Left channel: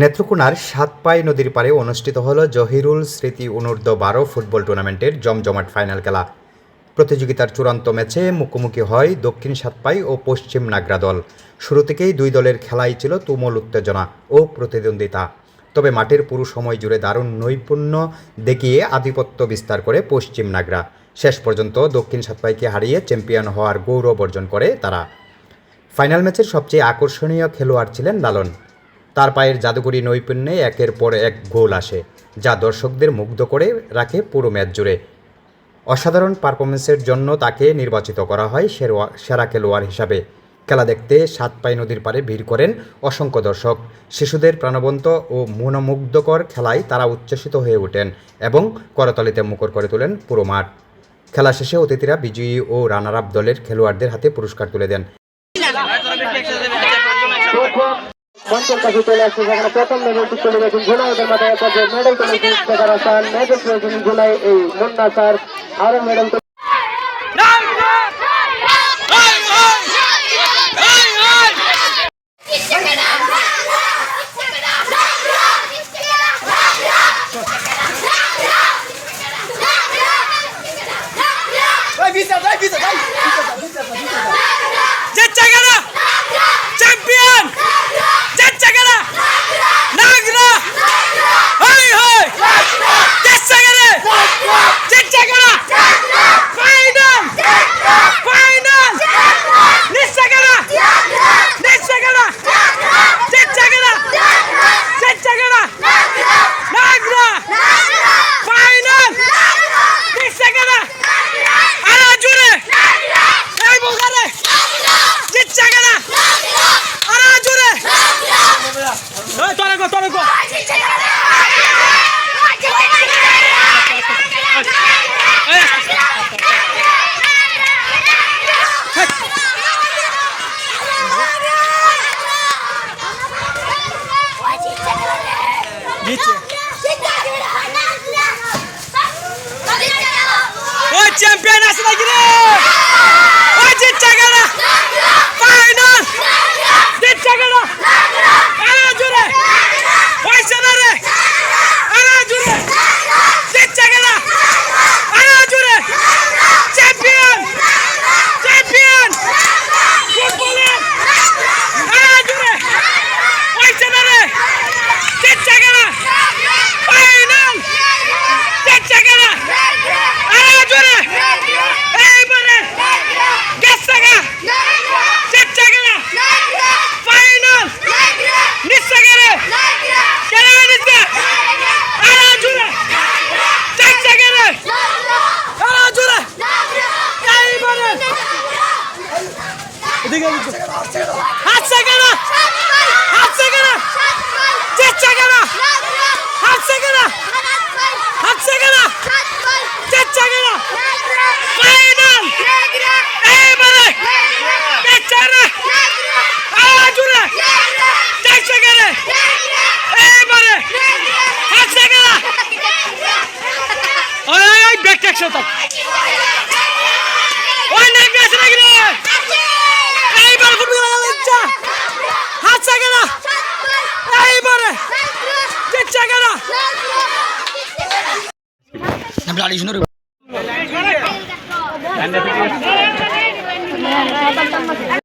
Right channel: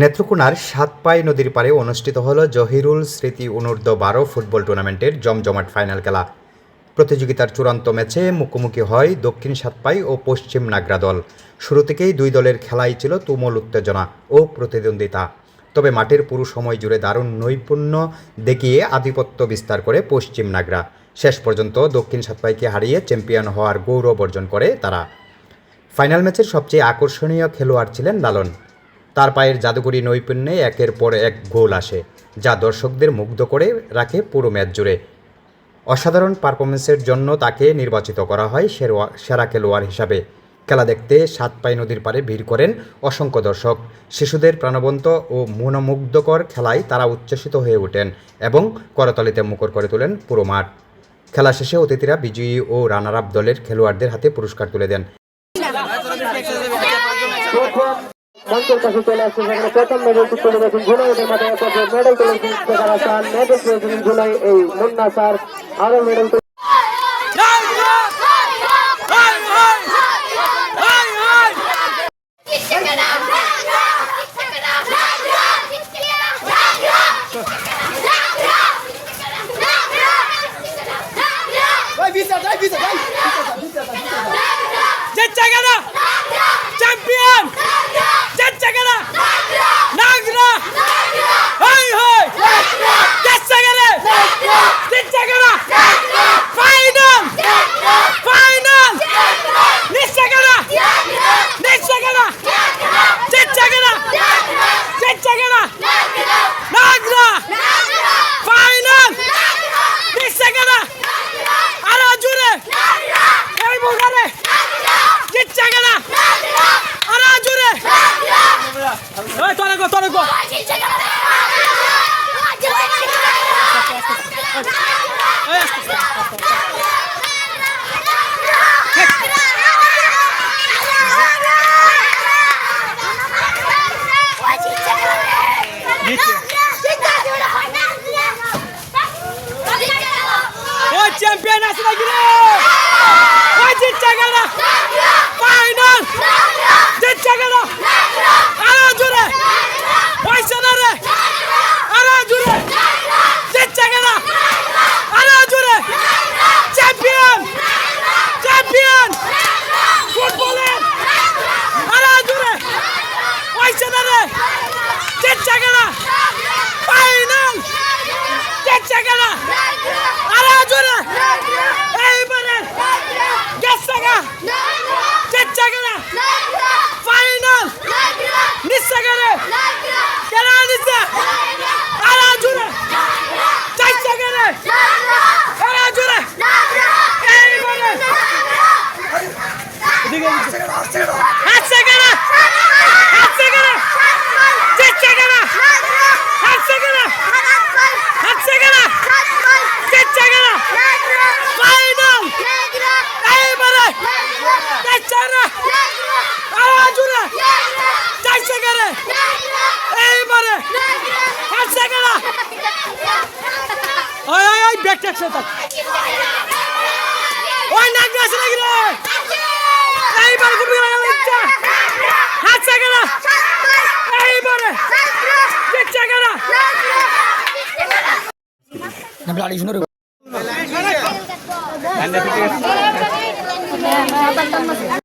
নেত্রকোনার সাতপাই নদীর পাড়ে অনুষ্ঠিত হল জহিরুল স্মৃতি অনূর্ধ্ব-12 ফুটবল টুর্নামেন্টের জমজমাট ফাইনাল খেলা। প্রতিযোগিতার চূড়ান্ত ম্যাচে মুখোমুখি হয় দক্ষিণ সাতপাই ও পশ্চিম নাগরা দল। শুরু থেকেই দুই দলের খেলাই ছিল তুমুল উত্তেজনা ও প্রতিদ্বন্দ্বিতা। তবে মাঠের পুরো সময় জুড়ে দারুণ নৈপুণ্য দেখিয়ে আধিপত্য বিস্তার করে পশ্চিম নাগরা। শেষ পর্যন্ত দক্ষিণ সাতপাইকে হারিয়ে চ্যাম্পিয়ন হওয়ার গৌরব অর্জন করে তারা। ফাইনাল ম্যাচের সবচেয়ে আকর্ষণীয় খেলোয়াড় ছিলেন লালন। তার পায়ের জাদুকরী নৈপুণ্যে একের পর এক গোল আসে, যা দর্শকদের মুগ্ধ করে রাখে পুরো ম্যাচ জুড়ে। অসাধারণ পারফরমেন্সের জন্য তাকে নির্বাচিত করা হয় সেরা খেলোয়াড় হিসাবে। খেলা দেখতে সাতপাই নদীর পাড়ে ভিড় করেন অসংখ্য দর্শক। শিশুদের প্রাণবন্ত ও মনোমুগ্ধকর খেলায় তারা উচ্ছ্বসিত হয়ে ওঠেন এবং করতালিতে মুখর করে তোলেন পুরো মাঠ। খেলা শেষে অতিথিরা বিজয়ী ও রানার আপ দলের খেলোয়াড়দের হাতে পুরস্কার তুলে দেন। মঞ্চের কাছে চলে আসছে, সেখানে প্রথম মেডেলটি চলে গেছেন ঝুলাই মেডেল তুলে মেডেল পেয়েছেন ঝুলাই এই মুন্না স্যার। আরো মেডেল চ্যাম্পিয়ন জেচ্চাগারা নাগরা হাই হাই জেচ্চাগারা জেচ্চাগারা ফাইনাল ফাইনাল নিশ্চাগারা নিশ্চাগারা জেচ্চাগারা জেচ্চাগারা নাগরা ফাইনাল নিশ্চাগারা আরো জোরে এই বুঝারে জেচ্চাগারা আরো জোরে এই তোরে গো ওই চ্যাম্পিয়ন আছে নাকি রে? ওই জিতচাগারা ফাইনাল জিতচাগারা আরো জোরে ওই সেনারে আরো জোরে জিতচাগারা আরো জোরে চ্যাম্পিয়ন চ্যাম্পিয়ন ফুটবলের আরো জোরে ওই সেনারে জিতচাগারা ফাইনাল জিতচাগারা আরো জোরে এইবারে গেছাগা জিতচাগারা ফাইনাল নিশ্চাগারে কেন নিচ্ছে আরো জোরে জিতচাগারে আরো জোরে এইবারে হাতচাগারা হাতচাগারা জিতচাগারা হাতচাগারা হাতচাগারা জিতচাগারা ফাইনাল এইবারে জিতচাগারা আরো জোরে জিতচাগারা এইবারে হাতচাগারা ওই ওই ওই ব্যাক ট্যাক্সন তো ওই নাগরা আছে নাকি রে? এইবার ফুটবল খেলা ইচ্ছা হাতচাগারা এইবারে জিতচাগারা আমরা আড়ি শুনুন